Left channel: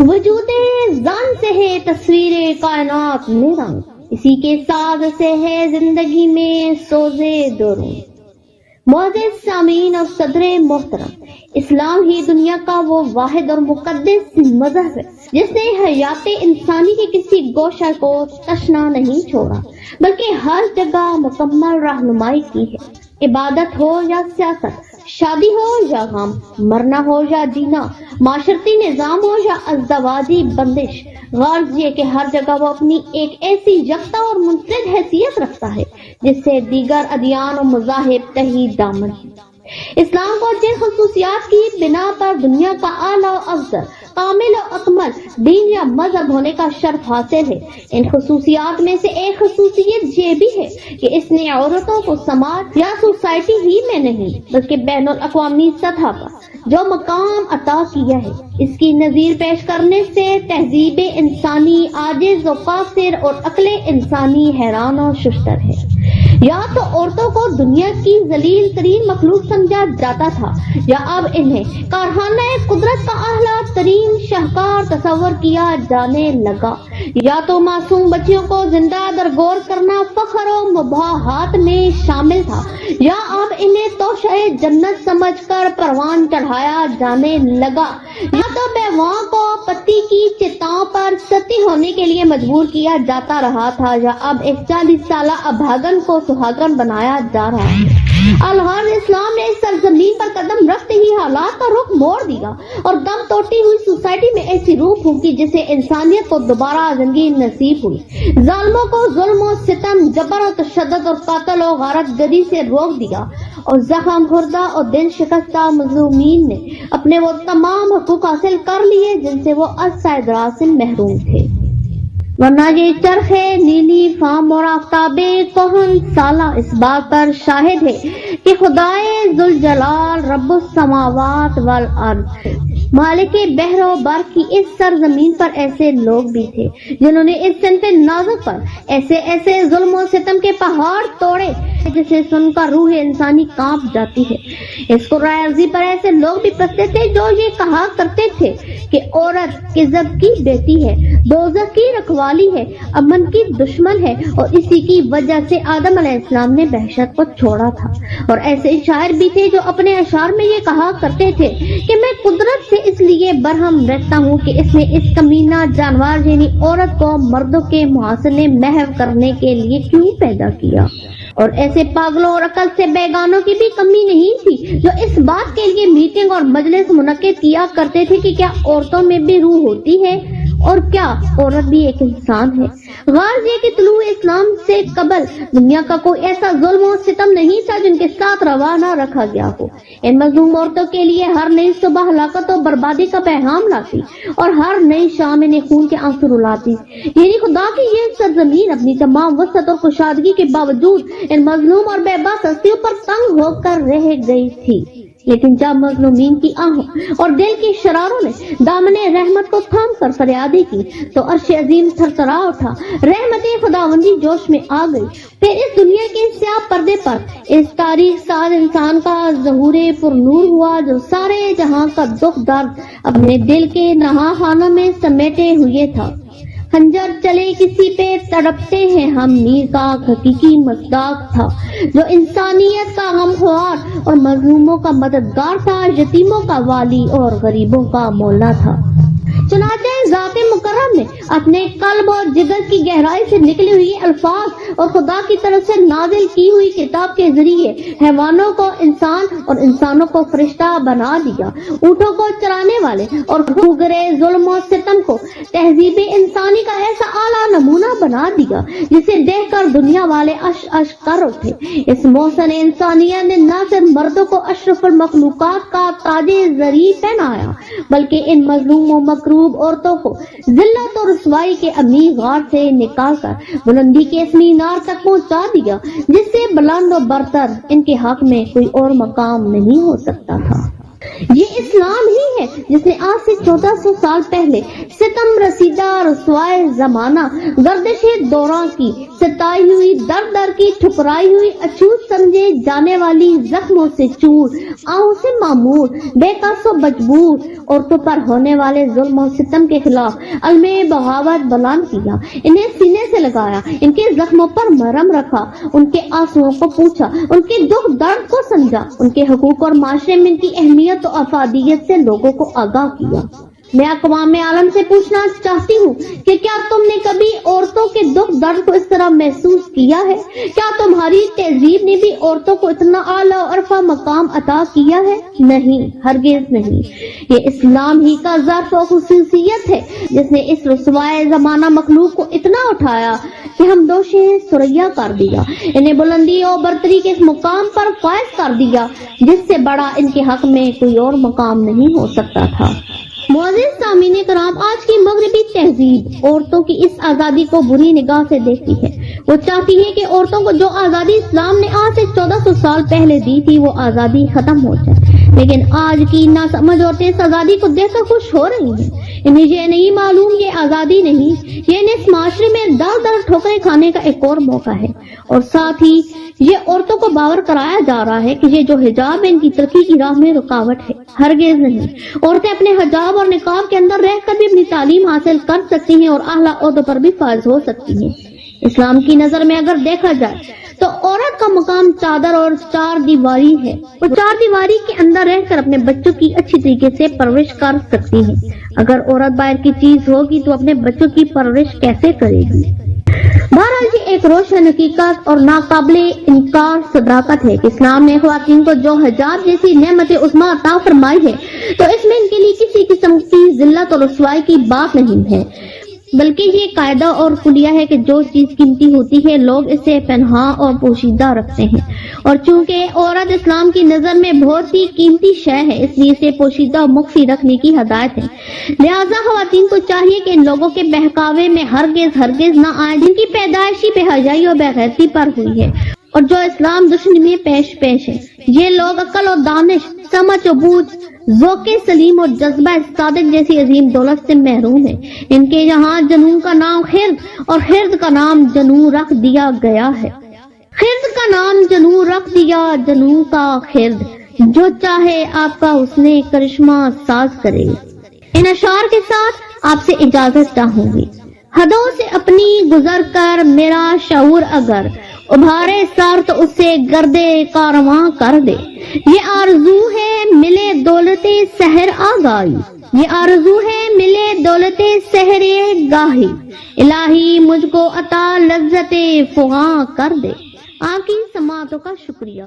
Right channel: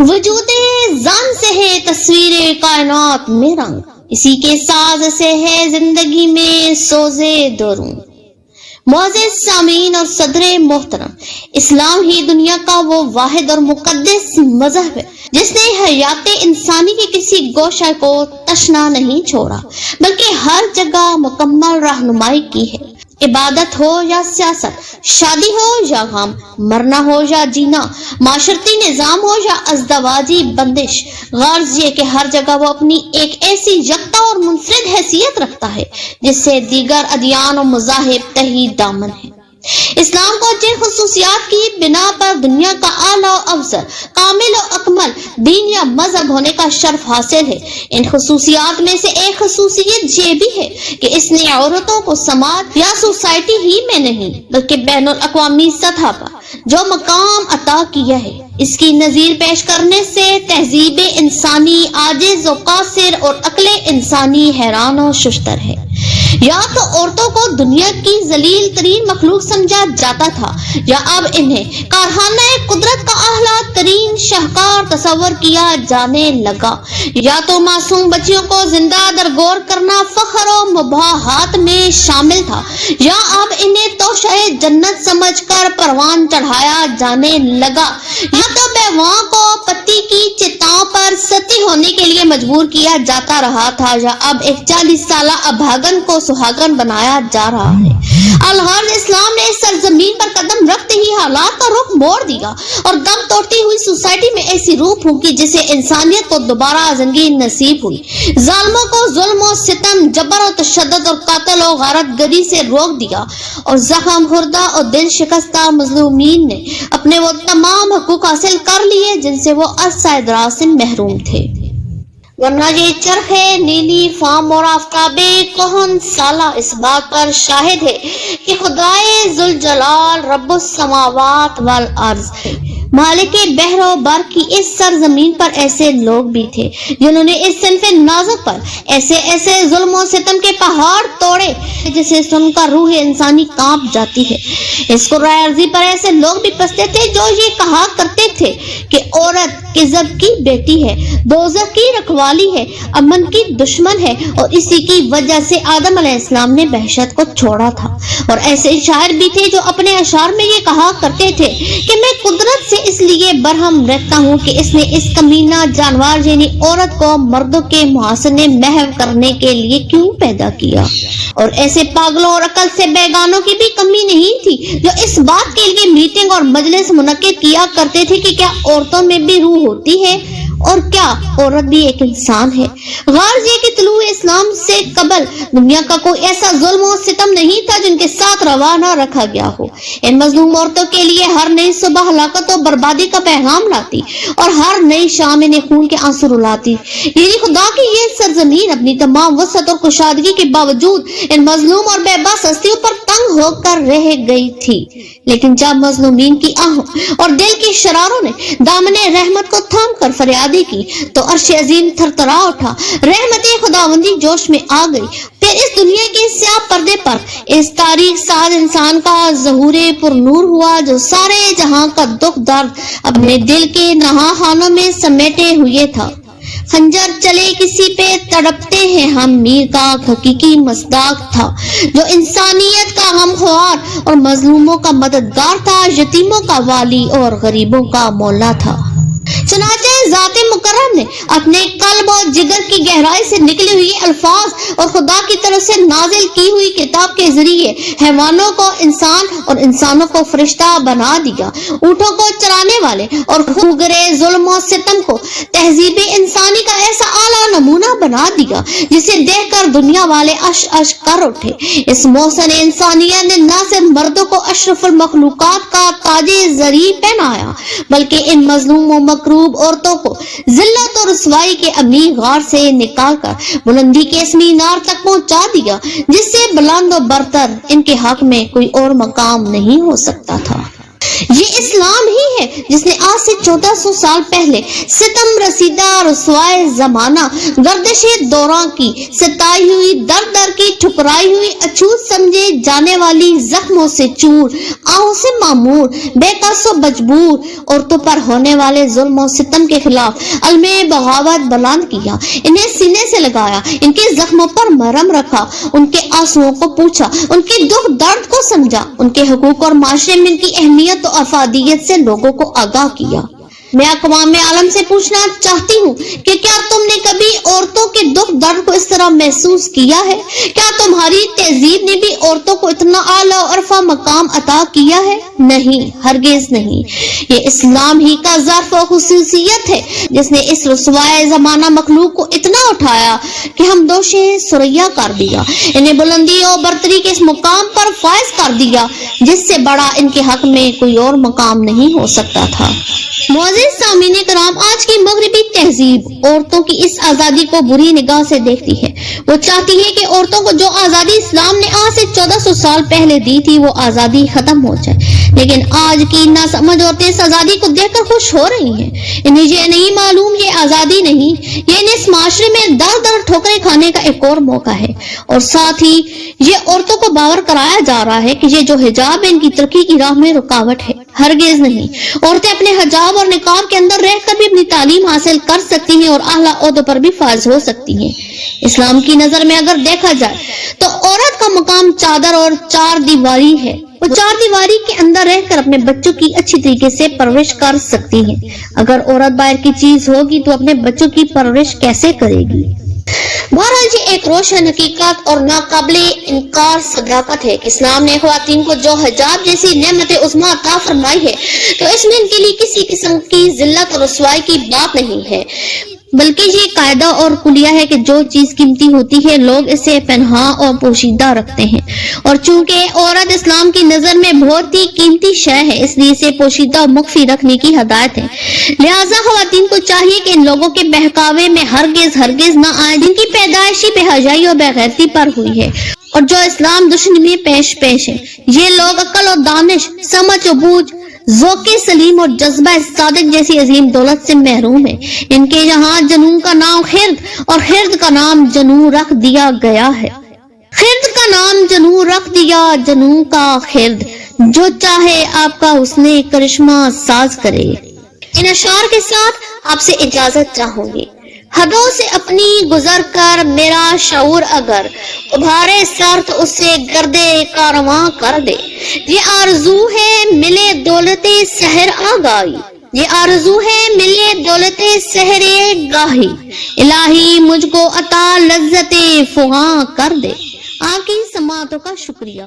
وجود زان سے ہے تصویر کائنات میں رنگ، اسی کے ساز سے ہے زندگی میں سوزے دوروں۔ معزز سامعین اور صدر محترم، اسلام ہی دنیا کا وہ واحد اور مقدس مذہب ہے جس نے حیات انسانی کے کسی گوشہ کو تشنا نہیں چھوڑا، بلکہ ہر جگہ مکمل رہنمائی کی ہے۔ عبادت ہو یا سیاست، شادی ہو یا غم، مرنا ہو یا جینا، معاشرتی نظام ہو یا ازدواجی بندش، غرض یہ کہ ہر جگہ وہ اپنی ایک ایسی یکتا اور منفرد حیثیت رکھتا ہے جس سے دیگر ادیان و مذاہب تہی دامن ہے۔ اسلام کو جن خصوصیات کی بنا پر دنیا کا اعلیٰ و افضل، کامل و اکمل دین یا مذہب ہونے کا شرف حاصل ہے، ان خصوصیات میں سے ایک خصوصیت یہ بھی ہے کہ اس نے عورتوں کو سماج یا سوسائٹی ہی میں نہیں بلکہ بین الاقوامی سطح پر جو مقام عطا کیا ہے، اس کی نظیر پیش کرنے سے تہذیب انسانی عاجز و قاصر اور عقل انسانی حیران و ششتر ہے۔ یا تو عورتوں کو دنیا کی ذلیل ترین مخلوق سمجھا جاتا تھا، یا اب انہیں کارخانہ قدرت کا اعلیٰ ترین شاہکار تصور کیا جانے لگا، یا تو معصوم بچیوں کو زندہ درگور کرنا فخر و مباحات میں شامل تھا، یا اب انہیں توشہ جنت سمجھ کر پروان چڑھایا جانے لگا، یا تو بیواؤں کو پتی کی چتاؤں پر ستی ہونے کے لیے مجبور کیا جاتا رہا تھا، یا اب ایک 40 سالہ ابھاگن کو سہاگن بنایا جا رہا ہے۔ الغرض اسلام نے اس سرزمین پر قدم رکھتے ہی حالات کا رخ موڑ دیا اور دم توڑتی ہوئی سوسائٹی میں ایسی روح پھونکی جسے انسانیت کو دوبارہ زندگی نصیب ہوئی۔ ظالموں کو ظلم و ستم، جبر و تشدد اور قتل و غارت گری سے روک دیا، اور زخم خوردہ اور دل شکستہ مظلومین نے اپنے وہ تمام حقوق حاصل کر لیے جن سے وہ عرصہ دراز سے محروم تھے۔ ورنہ یہ چرخ نیلی فام اور آفتاب کہن سالہ اس بات پر شاہد ہے کہ خدائے ذوالجلال رب السماوات والارض مالک بحر و بر کی اس سرزمین پر ایسے لوگ بھی تھے جنہوں نے اس صنف نازک پر ایسے ظلم و ستم کے پہاڑ توڑے جسے سن کر روح انسانی کانپ جاتی ہے۔ اس قرۂ عرضی پر ایسے لوگ بھی پستے تھے جو یہ کہا کرتے تھے کہ عورت کذب کی بیٹی ہے، دوزخ کی رکھوالی ہے، امن کی دشمن ہے، اور اسی کی وجہ سے آدم علیہ السلام نے وحشت کو چھوڑا تھا۔ اور ایسے شاعر بھی تھے جو اپنے اشعار میں یہ کہا کرتے تھے کہ میں قدرت سے اس لیے برہم رہتا ہوں کہ اس نے اس کمینہ جانور یعنی عورت کو مردوں کے محاسنے محو کرنے کے لیے کیوں پیدا کیا۔ اور ایسے پاگلوں اور عقل سے بیگانوں کی بھی کمی نہیں تھی جو اس بات کے لیے میٹنگ اور مجلس منعقد کیا کرتے تھے کہ کیا عورتوں میں بھی روح ہوتی ہے اور کیا عورت بھی ایک انسان ہے۔ غرض یہ کہ طلوع اسلام سے قبل دنیا کا کوئی ایسا ظلم و ستم نہیں تھا جن کے ساتھ روا نہ رکھا گیا ہو۔ ان مظلوم عورتوں کے لیے ہر نئی صبح ہلاکت و بربادی کا پیغام لاتی اور ہر نئی شام انہیں خون کے آنسو رلاتی۔ یعنی خدا کی یہ سرزمین اپنی تمام وسعت اور کشادگی کے باوجود ان مظلوم اور بے بس ہستیوں پر تنگ ہو کر رہ گئی تھی۔ لیکن جب مظلومین کی آہوں اور دل کی شراروں نے دامن رحمت کو تھام کر فریادی کی تو عرش عظیم تھرتھرا اٹھا، رحمت خداوندی جوش میں آ گئی۔ پھر اس دنیا کے سیاہ پردے پر اس تاریخ ساز انسان کا ظہور پر نور ہوا جو سارے جہاں کا دکھ درد اپنے دل کے نہاہانوں میں سمیٹے ہوئے تھا۔ خنجر چلے کسی پہ تڑپتے ہیں ہم، میر کا حقیقی مصداق تھا جو انسانیت کا غمخوار اور مظلوموں کا مددگار تھا، یتیموں کا والی اور غریبوں کا مولا تھا۔ چنانچہ ذات مکرم نے اپنے قلب اور جگر کی گہرائی سے نکلی ہوئی الفاظ اور خدا کی طرف سے نازل کی ہوئی کتاب کے ذریعے حیوانوں کو انسان اور انسانوں کو فرشتہ بنا دیا، اونٹوں کو چرانے والے اور خوگرے ظلم و ستم کو تہذیب انسانی کا ایسا اعلیٰ نمونہ بنا دیا جسے دیکھ کر دنیا والے اش اش کر اٹھے۔ اس محسن انسانیت نے نہ صرف مردوں کو اشرف المخلوقات کا تاج زری پہنایا بلکہ ان مظلوم و مکروب عورتوں کو ذلت اور رسوائی کے عمیق غار سے نکال کر بلندی کے اس مینار تک پہنچا دیا جس سے بلند و برتر ان کے حق میں کوئی اور مقام نہیں ہو سکتا تھا۔ یہ اسلام ہی ہے جس نے آج سے 1400 سال پہلے ستم رسیدہ رسوائے زمانہ گردش دوراں کی ستائی ہوئی در در کی ٹھکرائی ہوئی اچھوت سمجھے جانے والی زخموں سے چور آہوں سے معمور بے قص و مجبور عورتوں پر ہونے والے ظلم و ستم کے خلاف علم بغاوت بلند کیا، انہیں سینے سے لگایا، ان کے زخموں پر مرہم رکھا، ان کے آنسوؤں کو پوچھا، ان کے دکھ درد کو سمجھا، ان کے حقوق اور معاشرے میں ان کی اہمیت و افادیت سے لوگوں کو آگاہ کیا۔ میں اقوام عالم سے پوچھنا چاہتی ہوں کہ کیا تم نے کبھی عورتوں کے دکھ درد کو اس طرح محسوس کیا ہے؟ کیا تمہاری تہذیب نے بھی عورتوں کو اتنا اعلیٰ و عرفہ مقام عطا کیا ہے؟ نہیں، ہرگز نہیں۔ یہ اسلام ہی کا ظرف و خصوصیت ہے جس نے اس رسوائے زمانہ مخلوق کو اتنا اٹھایا کہ ہم دوش ثریا کر دیا، انہیں بلندی اور برتری کے اس مقام پر فائز کر دیا جس سے بڑا ان کے حق میں کوئی اور مقام نہیں ہو سکتا تھا۔ معزز سامعین کرام، آج کی مغربی تہذیب عورتوں کی اس آزادی کو بری نگاہ سے دیکھتی ہے۔ وہ چاہتی ہے کہ عورتوں کو جو آزادی اسلام نے آج سے 1400 سال پہلے دی تھی وہ آزادی ختم ہو جائے، لیکن آج کی ناسمجھ عورتیں اس آزادی کو دیکھ کر خوش ہو رہی ہیں۔ انہیں یہ نہیں معلوم یہ آزادی نہیں، یہ انہیں اس معاشرے میں در در ٹھوکریں کھانے کا ایک اور موقع ہے، اور ساتھ ہی یہ عورتوں کو باور کرایا جا رہا ہے کہ یہ جو حجاب ان کی ترقی کی راہ میں رکاوٹ ہے۔ ہرگز نہیں، عورتیں اپنے حجاب اور نقاب کے اندر رہ کر بھی اپنی تعلیم حاصل کر سکتی ہیں اور اعلیٰ عہدوں پر بھی فائز ہو سکتی ہیں۔ اسلام کی نظر میں اگر دیکھا جائے تو عورت کا مقام چادر اور چار دیواری ہے۔ وہ چار دیواری کے اندر رہ کر اپنے بچوں کی اچھی طریقے سے پرورش کر سکتی ہیں۔ اگر عورت باہر کی چیز ہوگی تو اپنے بچوں کی پرورش کیسے کرے گی؟ بہرحال یہ ایک روشن حقیقت اور ناقابل انکار صداقت ہے کہ اسلام نے خواتین کو جو حجاب جیسی نعمت عظمیٰ عطا فرمائی ہے تو اس میں ان کے لیے کسی قسم کی ذلت اور رسوائی کی بات نہیں ہے، بلکہ یہ قاعدہ اور کلیہ ہے کہ جو چیز قیمتی ہوتی ہے لوگ اسے پنہاں اور پوشیدہ رکھتے ہیں، اور چونکہ عورت اسلام کی نظر میں بہت ہی قیمتی شے ہے اس لیے اسے پوشیدہ اور مخفی رکھنے کی ہدایت ہے۔ لہٰذا خواتین کو چاہیے کہ ان لوگوں کے بہکاوے میں ہرگز نہ آئیں جن کی پیدائشی بے حیائی اور بے غیرتی پر ہوئی ہے اور جو اسلام دشمنی میں پیش ہے۔ یہ لوگ عقل اور دانش، سمجھ و بوجھ، ذوق سلیم اور جذبہ صادق جیسی عظیم دولت سے محروم ہے۔ ان کے یہاں جنون کا نام خرد اور خرد کا نام جنون رکھ دیا گیا ہے۔ خرد کا نام جنون رکھ دیا، جنون کا خرد، جو چاہے آپ کا حسن کرشمہ ساز کرے۔ ان اشعار کے ساتھ آپ سے اجازت چاہوں گی۔ حدوں سے اپنی گزر کر میرا شعور اگر ابھارے سر تو اسے گردے کارواں کر دے۔ یہ آرزو ہے ملے دولت سحر آگاہی، یہ آرزو ہے ملے دولت سحر گاہی، الہی مجھ کو عطا لذت فغاں کر دے۔ آپ کی سماعتوں کا شکریہ۔